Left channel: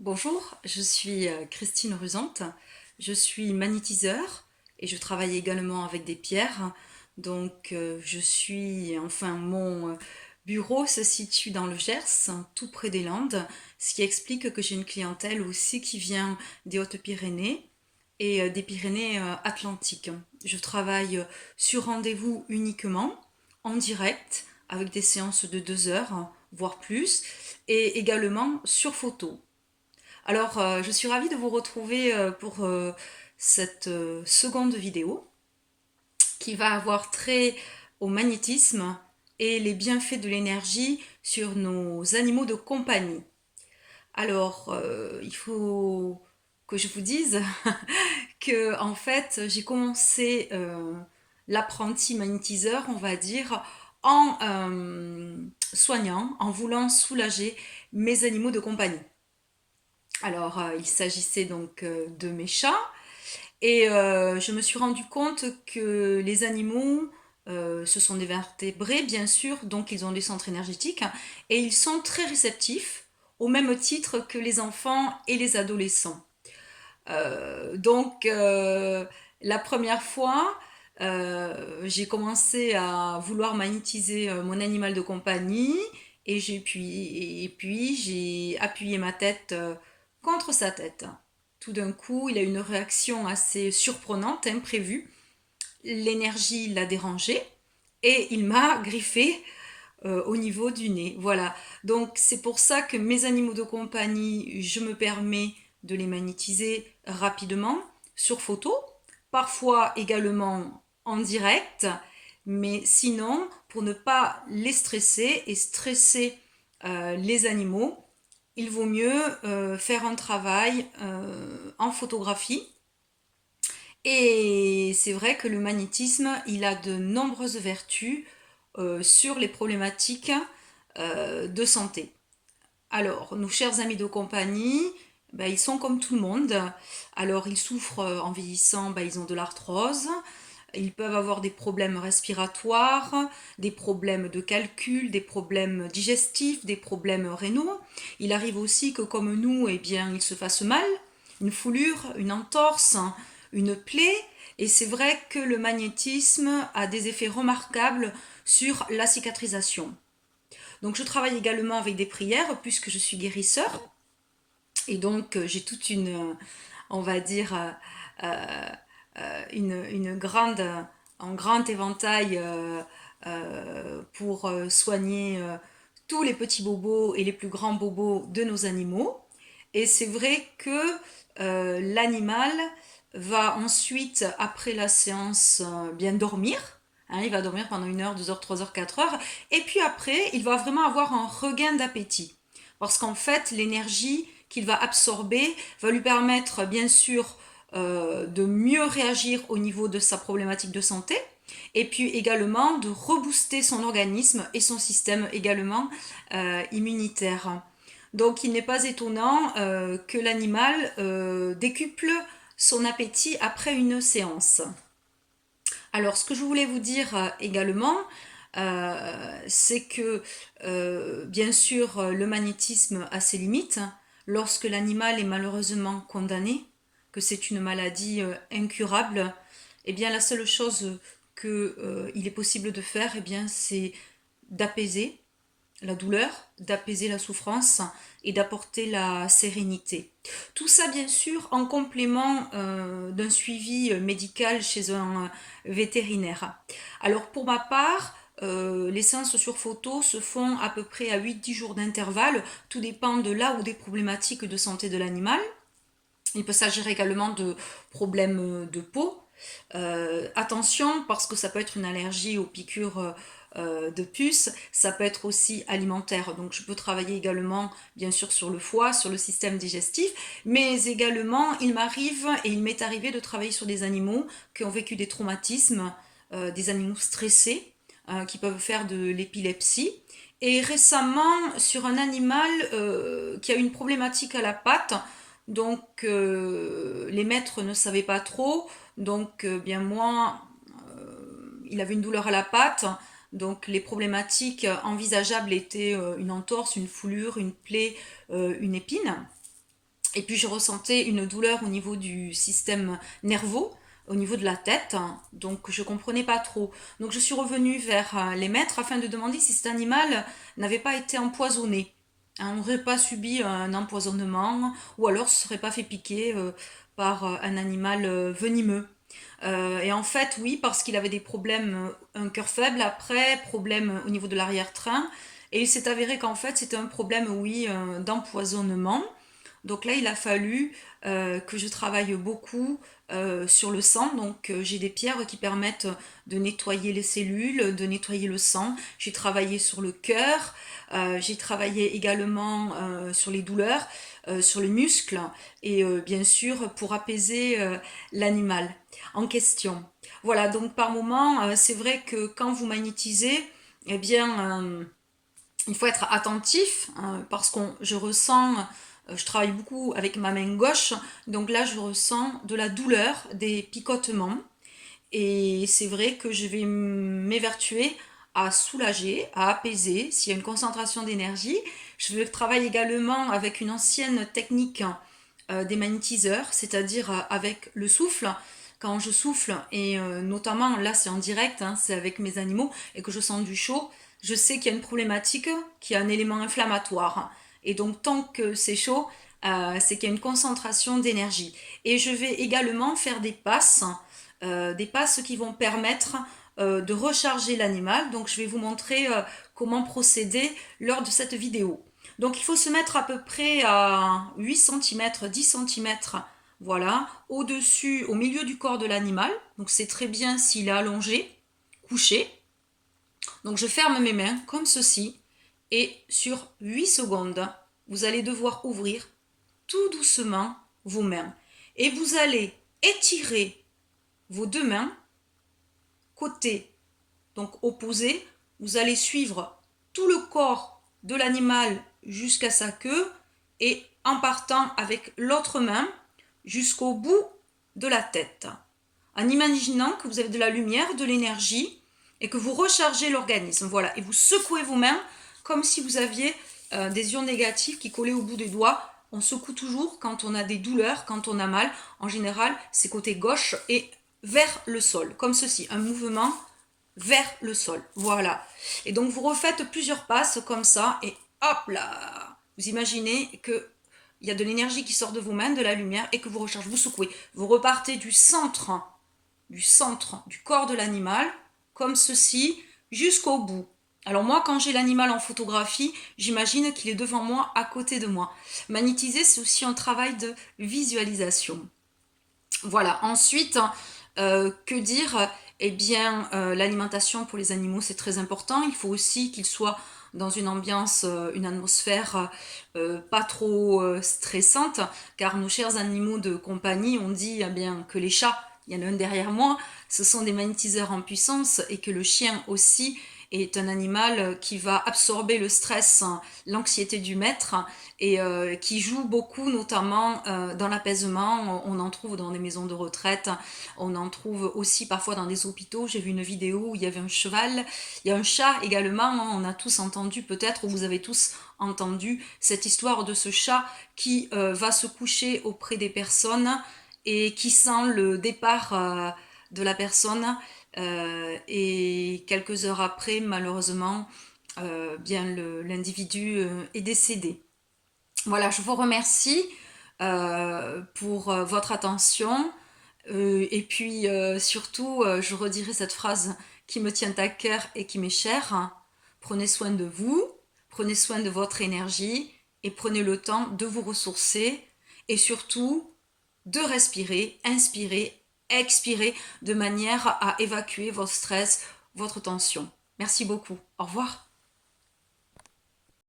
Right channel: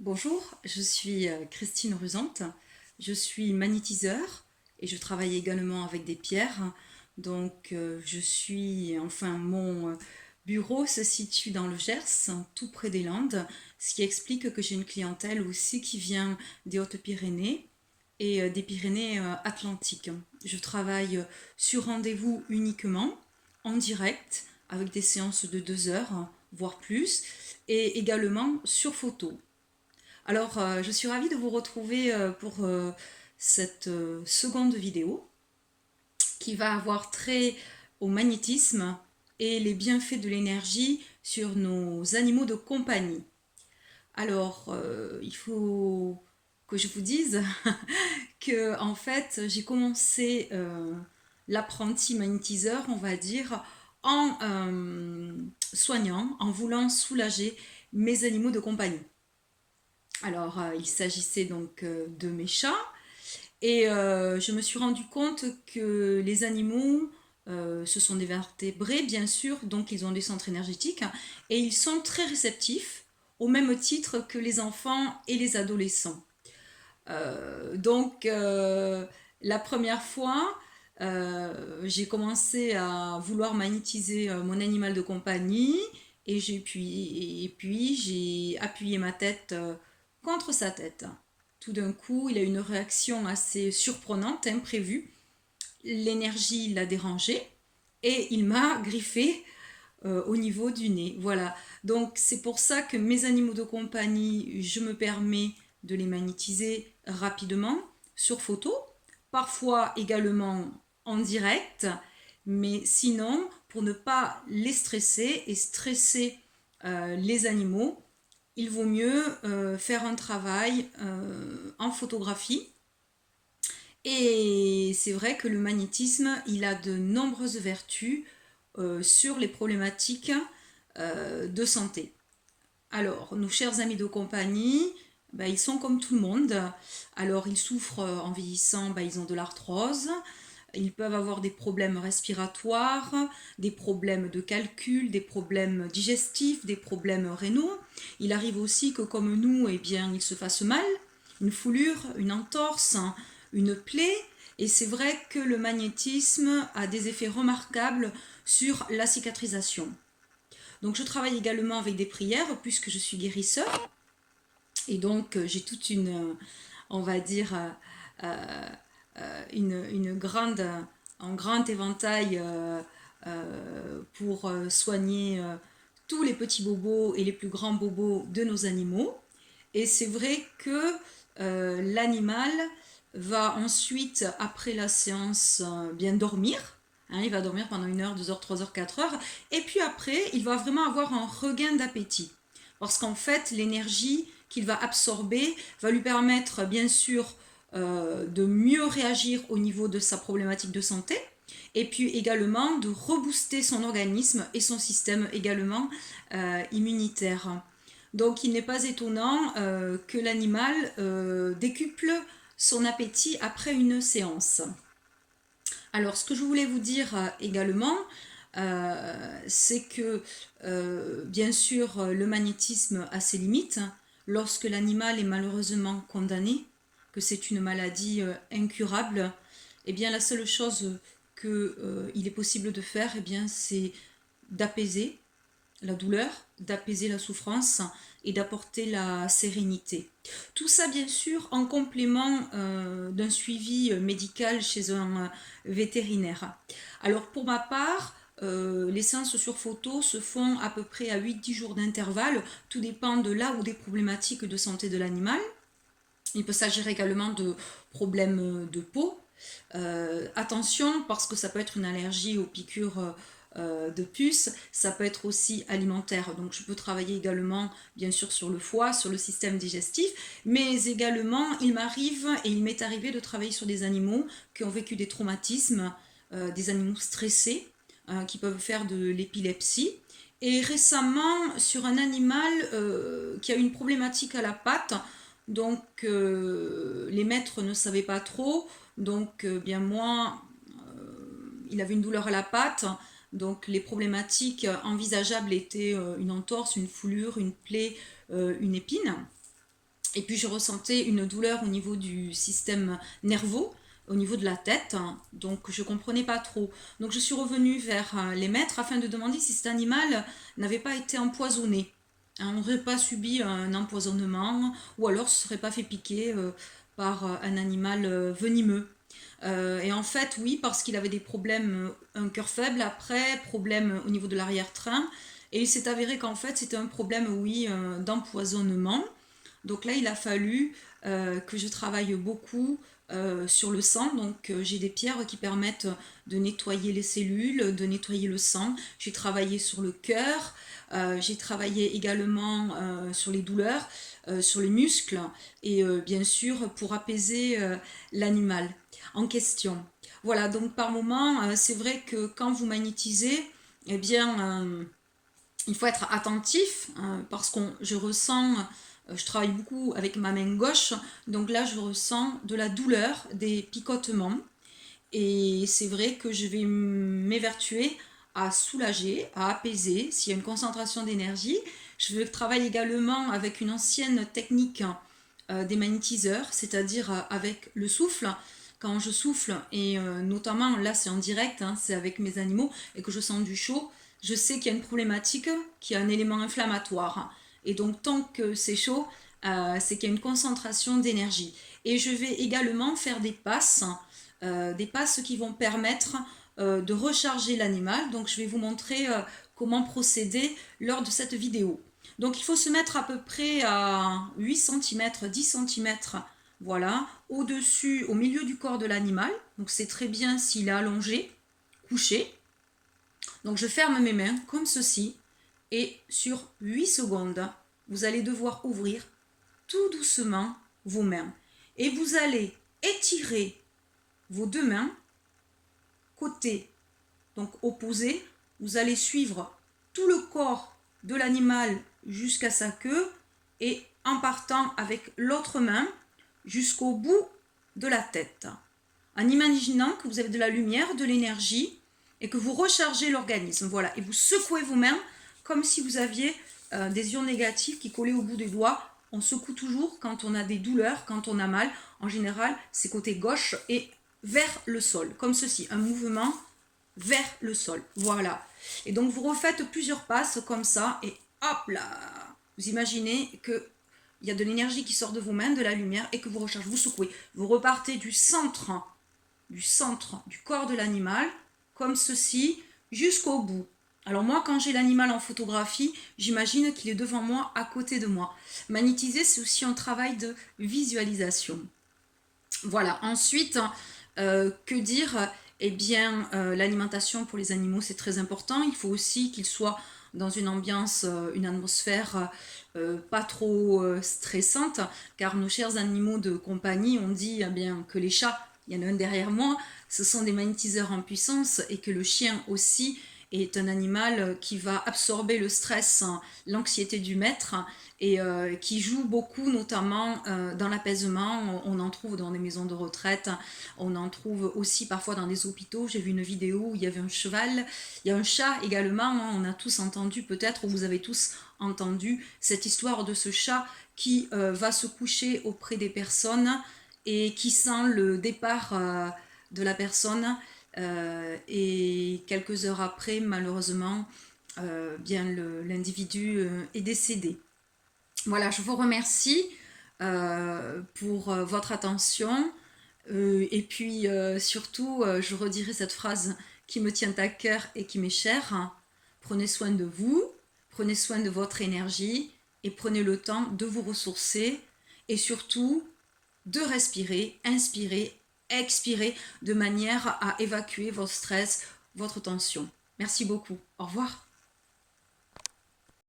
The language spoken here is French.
Bonjour, je suis Christine Rusante, je suis magnétiseur et je travaille également avec des pierres. Mon bureau se situe dans le Gers, tout près des Landes, ce qui explique que j'ai une clientèle aussi qui vient des Hautes-Pyrénées et des Pyrénées Atlantiques. Je travaille sur rendez-vous uniquement, en direct, avec des séances de 2 heures, voire plus, et également sur photo. Alors, je suis ravie de vous retrouver pour cette seconde vidéo qui va avoir trait au magnétisme et les bienfaits de l'énergie sur nos animaux de compagnie. Alors, il faut que je vous dise que en fait, j'ai commencé l'apprenti magnétiseur, on va dire, en soignant, en voulant soulager mes animaux de compagnie. Alors, il s'agissait donc de mes chats et je me suis rendu compte que les animaux, ce sont des vertébrés, bien sûr, donc ils ont des centres énergétiques et ils sont très réceptifs au même titre que les enfants et les adolescents. Donc, la première fois, j'ai commencé à vouloir magnétiser mon animal de compagnie et puis j'ai appuyé ma tête contre sa tête. Tout d'un coup, il a eu une réaction assez surprenante, imprévue. L'énergie l'a dérangé et il m'a griffé au niveau du nez. Voilà. Donc c'est pour ça que mes animaux de compagnie, je me permets de les magnétiser rapidement sur photo, parfois également en direct, mais sinon, pour ne pas les stresser et stresser les animaux, il vaut mieux faire un travail en photographie. Et c'est vrai que le magnétisme, il a de nombreuses vertus sur les problématiques de santé. Alors, nos chers amis de compagnie, ben, ils sont comme tout le monde. Alors, ils souffrent en vieillissant, ben, ils ont de l'arthrose, ils peuvent avoir des problèmes respiratoires, des problèmes de calcul, des problèmes digestifs, des problèmes rénaux. Il arrive aussi que comme nous, eh bien, ils se fassent mal, une foulure, une entorse, une plaie. Et c'est vrai que le magnétisme a des effets remarquables sur la cicatrisation. Donc je travaille également avec des prières puisque je suis guérisseur. Et donc j'ai toute une, on va dire, une grande, un grand éventail pour soigner tous les petits bobos et les plus grands bobos de nos animaux. Et c'est vrai que l'animal va ensuite, après la séance, bien dormir. Hein, il va dormir pendant 1 heure, 2 heures, 3 heures, 4 heures. Et puis après, il va vraiment avoir un regain d'appétit. Parce qu'en fait, l'énergie qu'il va absorber va lui permettre, bien sûr, de mieux réagir au niveau de sa problématique de santé, et puis également de rebooster son organisme et son système également immunitaire. Donc il n'est pas étonnant que l'animal décuple son appétit après une séance. Alors ce que je voulais vous dire également, c'est que bien sûr le magnétisme a ses limites. Lorsque l'animal est malheureusement condamné, que c'est une maladie incurable, eh bien la seule chose qu'il est possible de faire, eh bien, c'est d'apaiser la douleur, d'apaiser la souffrance et d'apporter la sérénité. Tout ça, bien sûr, en complément d'un suivi médical chez un vétérinaire. Alors, pour ma part, les séances sur photo se font à peu près à 8-10 jours d'intervalle. Tout dépend de là ou des problématiques de santé de l'animal. Il peut s'agir également de problèmes de peau. Attention, parce que ça peut être une allergie aux piqûres de puces, ça peut être aussi alimentaire. Donc je peux travailler également, bien sûr, sur le foie, sur le système digestif, mais également, il m'arrive et il m'est arrivé de travailler sur des animaux qui ont vécu des traumatismes, des animaux stressés, qui peuvent faire de l'épilepsie. Et récemment, sur un animal qui a une problématique à la patte, donc les maîtres ne savaient pas trop, donc bien moi, il avait une douleur à la patte, donc les problématiques envisageables étaient une entorse, une foulure, une plaie, une épine. Et puis je ressentais une douleur au niveau du système nerveux, au niveau de la tête, donc je comprenais pas trop. Donc je suis revenue vers les maîtres afin de demander si cet animal n'avait pas été empoisonné. On n'aurait pas subi un empoisonnement ou alors se serait pas fait piquer par un animal venimeux. Et en fait, oui, parce qu'il avait des problèmes, un cœur faible, après, problème au niveau de l'arrière-train. Et il s'est avéré qu'en fait, c'était un problème, oui, d'empoisonnement. Donc là, il a fallu que je travaille beaucoup sur le sang. Donc j'ai des pierres qui permettent de nettoyer les cellules, de nettoyer le sang. J'ai travaillé sur le cœur, j'ai travaillé également sur les douleurs, sur les muscles et bien sûr pour apaiser l'animal en question. Voilà, donc par moment, c'est vrai que quand vous magnétisez, eh bien, il faut être attentif parce que je ressens, je travaille beaucoup avec ma main gauche, donc là je ressens de la douleur, des picotements et c'est vrai que je vais m'évertuer à soulager, à apaiser s'il y a une concentration d'énergie. Je travaille également avec une ancienne technique des magnétiseurs, c'est-à-dire avec le souffle. Quand je souffle, et notamment là c'est en direct, hein, c'est avec mes animaux, et que je sens du chaud, je sais qu'il y a une problématique, qu'il y a un élément inflammatoire. Et donc tant que c'est chaud, c'est qu'il y a une concentration d'énergie. Et je vais également faire des passes qui vont permettre de recharger l'animal. Donc je vais vous montrer comment procéder lors de cette vidéo. Donc il faut se mettre à peu près à 8 cm, 10 cm, voilà, au-dessus, au milieu du corps de l'animal. Donc c'est très bien s'il est allongé, couché. Donc je ferme mes mains comme ceci et sur 8 secondes, vous allez devoir ouvrir tout doucement vos mains. Et vous allez étirer vos deux mains côté, donc opposé. Vous allez suivre tout le corps de l'animal jusqu'à sa queue et en partant avec l'autre main jusqu'au bout de la tête. En imaginant que vous avez de la lumière, de l'énergie et que vous rechargez l'organisme. Voilà, et vous secouez vos mains comme si vous aviez des ions négatifs qui collaient au bout des doigts. On secoue toujours quand on a des douleurs, quand on a mal. En général, c'est côté gauche et vers le sol, comme ceci, un mouvement vers le sol. Voilà. Et donc vous refaites plusieurs passes comme ça et hop là. Vous imaginez que il y a de l'énergie qui sort de vos mains, de la lumière et que vous rechargez, vous secouez. Vous repartez du centre du corps de l'animal comme ceci jusqu'au bout. Alors moi, quand j'ai l'animal en photographie, j'imagine qu'il est devant moi, à côté de moi. Magnétiser, c'est aussi un travail de visualisation. Voilà. Ensuite, que dire? Eh bien, l'alimentation pour les animaux, c'est très important. Il faut aussi qu'ils soient dans une ambiance, une atmosphère pas trop stressante, car nos chers animaux de compagnie, on dit eh bien, que les chats, il y en a un derrière moi, ce sont des magnétiseurs en puissance et que le chien aussi est un animal qui va absorber le stress, l'anxiété du maître et qui joue beaucoup notamment dans l'apaisement. On en trouve dans des maisons de retraite, on en trouve aussi parfois dans des hôpitaux. J'ai vu une vidéo où il y avait un cheval, il y a un chat également, on a tous entendu peut-être, ou vous avez tous entendu cette histoire de ce chat qui va se coucher auprès des personnes et qui sent le départ de la personne et quelques heures après, malheureusement, bien l'individu est décédé. Voilà, je vous remercie pour votre attention. Et puis surtout, je redirai cette phrase qui me tient à cœur et qui m'est chère. Prenez soin de vous, prenez soin de votre énergie et prenez le temps de vous ressourcer et surtout de respirer, inspirer, expirer de manière à évacuer votre stress, votre tension. Merci beaucoup. Au revoir.